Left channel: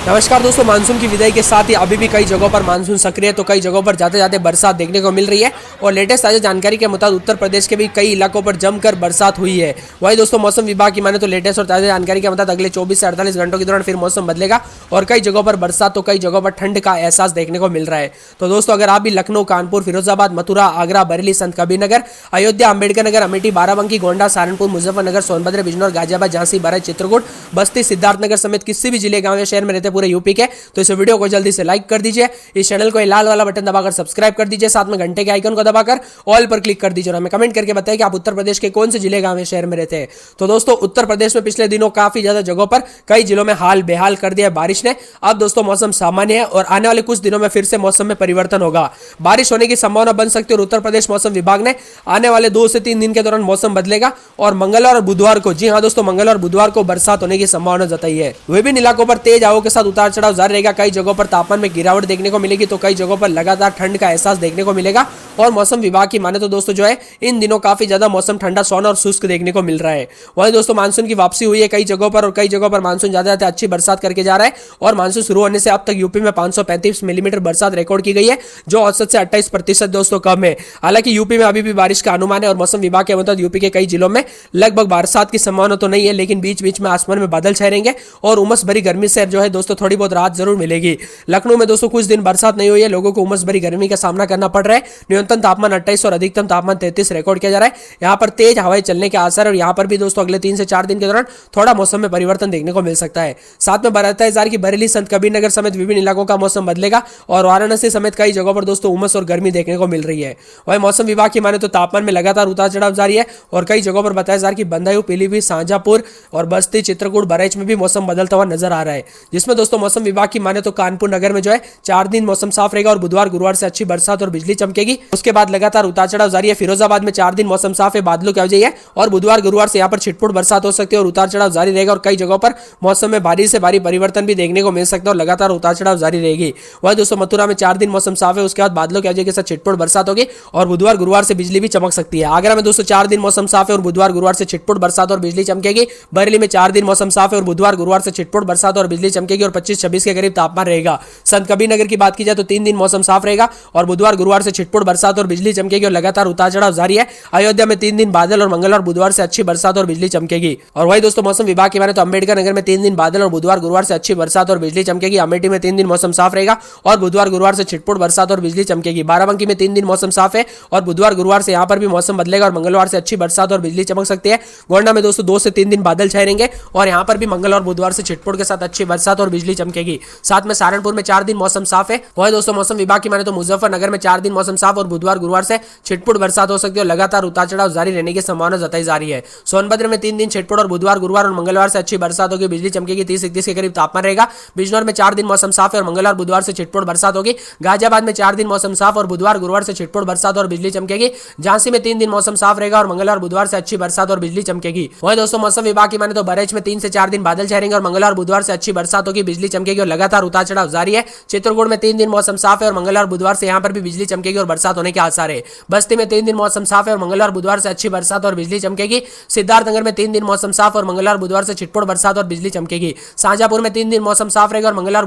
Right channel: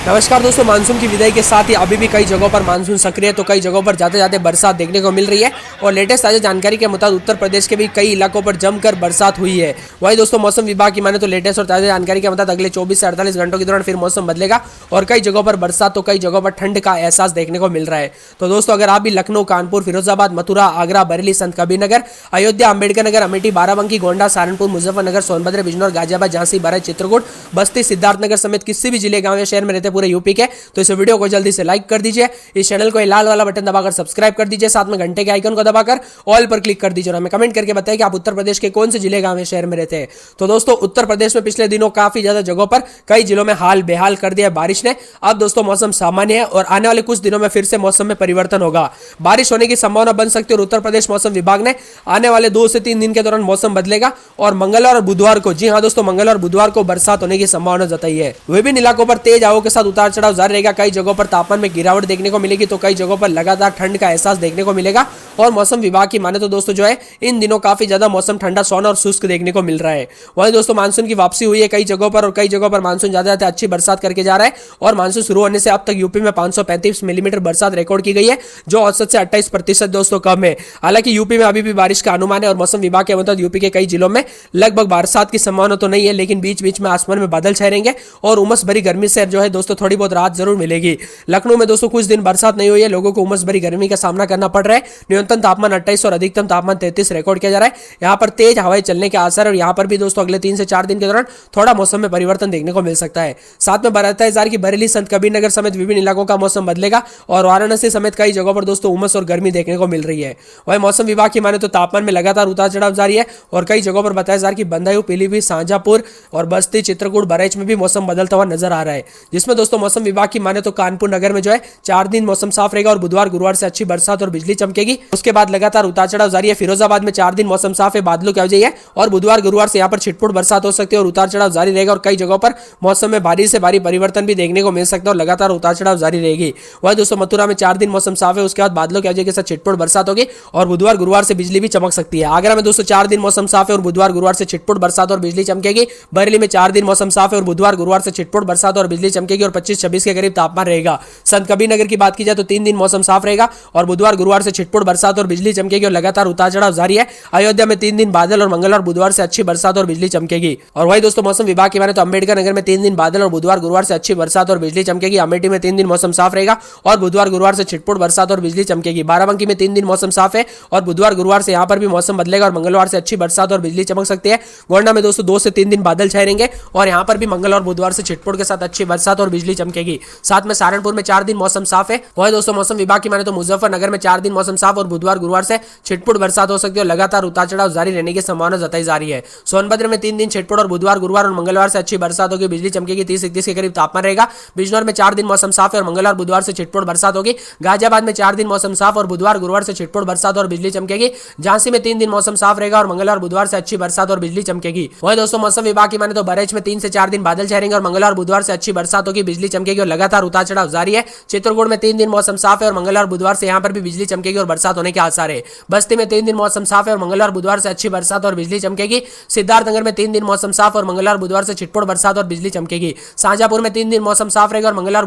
नमस्कार दोस्तों, मानसून की विदाई के साथ ही अभी भी कई जगहों पर मानसून सक्रिय है तो कई जगहों पर जाते जाते बरसात देखने को मिल रही है। और लेटेस्ट ताजा जानकारी के मुताबिक उत्तर प्रदेश के भी कई इलाकों पर जमकर बरसात हुई है। वही दोस्तों, मौसम विभाग की माने तो लेटेस्ट और ताजा जानकारी के मुताबिक अगले 24 से 48 घंटों के दौरान फिर मौसम बदलेगा और कई जगहों पर बरसात तो कई जगहों पर ठंड का एहसास देखने को मिल रहा है। तो दोस्तों, अगर आप भी लखनऊ, कानपुर, फिरोजाबाद, मथुरा, आगरा, बरेली, संत कबीरनगर, अयोध्या, अम्बेडकर नगर, अमेठी, बाराबंकी, गोंडा, सहारनपुर, मुजफ्फरनगर, सोनभद्र, बिजनौर, गाजियाबाद, झांसी, बारात, चित्रकूट, बस्ती, सिद्धार्थनगर समेत किसी भी जिले, गांव या शहर में रहते पूरे यूपी के, तो इस वीडियो को जल्दी से लाइक कर दीजिए, इस चैनल को लाल वाला बटन दबाकर सब्सक्राइब कर दीजिए, साथ में घंटे के आइकन को दबाकर ऑल पर क्लिक कर दीजिए और हमें कमेंट करके बताइए कि आप उत्तर प्रदेश के कौन से जिले, गांव या शहर में रहते हैं। तो दोस्तों, उत्तर प्रदेश में पिछले दिनों काफी ज्यादा जगहों पर कई जिलों में हाल बेहाल कर दिया है बारिश ने। अब दोस्तों मौसम सामान्य है और आने वाले कुछ दिनों में फिर से मौसम में परिवर्तन होगा, बारिश होने की संभावना बन सकती है। और उत्तर प्रदेश मौसम विभाग ने आने वाले 2 से 3 दिन के दौरान मौसम बदलेगा और मंगलवार और बुधवार को, जी हाँ दोस्तों, मंगलवार और बुधवार को बरसात होने की संभावना जताई है। विभिन्न इलाकों पर तेज हवाओं के साथ उतार चढ़ाव जारी रहेगा, कई जगहों पर तापमान में गिरावट देखने को मिलेगी तो कई जगहों पर लगातार ठंड का एहसास देखने को मिलेगा। और मौसम विभाग की माने तो दोस्तों जो है, इन दिनों काफी ज्यादा मौसम ठंडा, सोना और शुष्क देखने को मिल रहा है। वहीं दोस्तों, मानसून की वापसी हुई है कई जगहों पर और कई जगहों पर मानसून ज्यादा अच्छी बरसात करके जा रहा है। और मानसून शुरू होने से अब तक यूपी में 535 मिलीमीटर बरसात रिकॉर्ड की गई है, जो औसत से 28% दोस्तों कम है। हालांकि यूपी में अभी भी बारिश का अनुमान है और मौसम विभाग के मुताबिक यूपी के कई जिलों में लगभग बरसात की संभावना तो नहीं है, लेकिन बीच बीच में आसमान में बादल छाएंगे और उमस भरी गर्मी से जो है दोस्तों थोड़ी बहुत राहत जरूर मिलेगी। लखनऊ में दोस्तों कुछ दिन बरसात नहीं हुई है, लोगों को उमस भरी गर्मी का सामना करना पड़ रहा है। न्यूनतम तापमान 28 और अधिकतम तापमान 33 रिकॉर्ड किया जा रहा है। यहाँ पर तेज हवाएं चलने के आसार है और यहाँ पर भी दोस्तों अगले 3 से 4 दिन के दौरान थोड़ा मौसम में परिवर्तन देखने को मिल सकता है। साथ में बरतता है की बरेली, संत कबीरनगर समेत विभिन्न इलाकों का मौसम बदलेगा और वाराणसी समेत कई जगहों पर दोस्तों उमस और गर्मी देखने को मिल रही है। वही मौसम विभाग की माने तो तापमान में लगातार उतार चढ़ाव जारी है और कई जगहों पर बताया जा रहा है कि बदायूं, पीलीभीत, शाहजहांपुर और बस्ती, चित्रकूट, बरेच में भी मौसम बदलता हुआ नजर आ रहा है। जिसमें दोस्तों मौसम विभाग की माने तो कानपुर नगर में जो है 4 दिन मौसम साफ रहेगा और बुधवार, गुरुवार से अच्छी बरसात और बिजली चमकेगी। उसके बाद लगातार उतार चढ़ाव जारी है। फिरोजाबाद में 4 दिन मौसम साफ है, बादलों की वजह है और बुधवार, गुरुवार से यहाँ पर छिटपुट बरसात हो सकती है और उतार चढ़ाव जारी रहेगा। और कई जगहों पर मौसम में भारी से भारी परिवर्तन भी देखने को मिल सकता है और लगातार उतार चढ़ाव जारी रहेगी। वही दोस्तों, मथुरा में 4 दिन मौसम साफ है, उसके बाद बादलों की वजह के साथ छिटपुट बरसात होगी और बुधवार, गुरुवार से बिजली भी चमक सकती है। आगरा में दोस्तों 4 दिन मौसम साफ है और बुधवार, गुरुवार से छिटपुट बरसात और बिजली चमकेगी। बरेली में 4 दिन मौसम साफ है और बुधवार, गुरुवार से छिटपुट बरसात और बिजली चमकेगी और 25-26 के करीब तापमान रहेगा। संत कबीरनगर की बात की जाए तो 3 दिन मौसम साफ रहेगा और बुधवार, गुरुवार से छिटपुट बरसात और बिजली चमकेगी और लगातार उतार चढ़ाव जारी है। अयोध्या में 3 दिन बादल और मंगलवार, बुधवार से अच्छी बरसात और बिजली चमकेगी। और वही दोस्तों, मौसम विभाग की माने तो अम्बेडकर नगर में 3 दिन बादल और बुधवार, गुरुवार से अच्छी बरसात और बिजली चमकेगी। अमेठी में 3 दिन मौसम साफ रहेगा और बुधवार, गुरुवार से छिटपुट बरसात और बिजली चमकेगी। बाराबंकी में 3 दिन मौसम साफ है और बुधवार, गुरुवार से यहाँ पर भी मौसम बदलेगा और मंगलवार से अच्छी बरसात और बिजली चमक सकती है। गोंडा में दोस्तों 2 से 3 दिन बादल छाए रहेंगे और यहाँ पर भी मंगलवार, बुधवार से छिटपुट के साथ अच्छी बरसात और बिजली चमकेगी। साथ में सहारनपुर में 4 दिन मौसम साफ है। वही दोस्तों, मौसम विभाग की माने तो मुजफ्फरनगर में 4 दिन मौसम साफ और बुधवार, गुरुवार से छिटपुट बरसात हो सकती है और लगातार उतार चढ़ाव जारी रहने की संभावना जताई जा रही है। सोनभद्र में 3 दिन छिटपुट और बुधवार, गुरुवार और मंगलवार से अच्छी बरसात होगी, बिजली चमकेगी, 30-31 के करीब तापमान रहेगा। बिजनौर में 4 दिन मौसम साफ है और मंगलवार, बुधवार से छिटपुट बरसात होगी। गाजियाबाद में 4 दिन मौसम साफ और बुधवार, गुरुवार से छिटपुट बरसात और बिजली चमकेगी। झांसी में 3 दिन मौसम साफ रहेगा और मंगलवार, बुधवार से अच्छी बरसात और बिजली चमकेगी। वहीं दोस्तों, मौसम विभाग की माने तो बरेच में 3 से 4 दिन बादल छाएंगे और मंगलवार, बुधवार से अच्छी बरसात होगी, बिजली चमकेगी और लगातार उतार चढ़ाव जारी है। चित्रकूट में 3 दिन मौसम साफ है और मंगलवार, बुधवार से यहाँ पर भी बिजली चमकेगी और बरसात होने के आसार है। बस्ती में 3 दिन मौसम साफ है और मंगलवार, बुधवार से अच्छी बरसात और बिजली चमकेगी। सिद्धार्थनगर में 3 दिन मौसम साफ और मंगलवार, बुधवार से छिटपुट बरसात और बिजली चमकेगी। शाहजहांपुर में 3 दिन मौसम साफ रहेगा और मंगलवार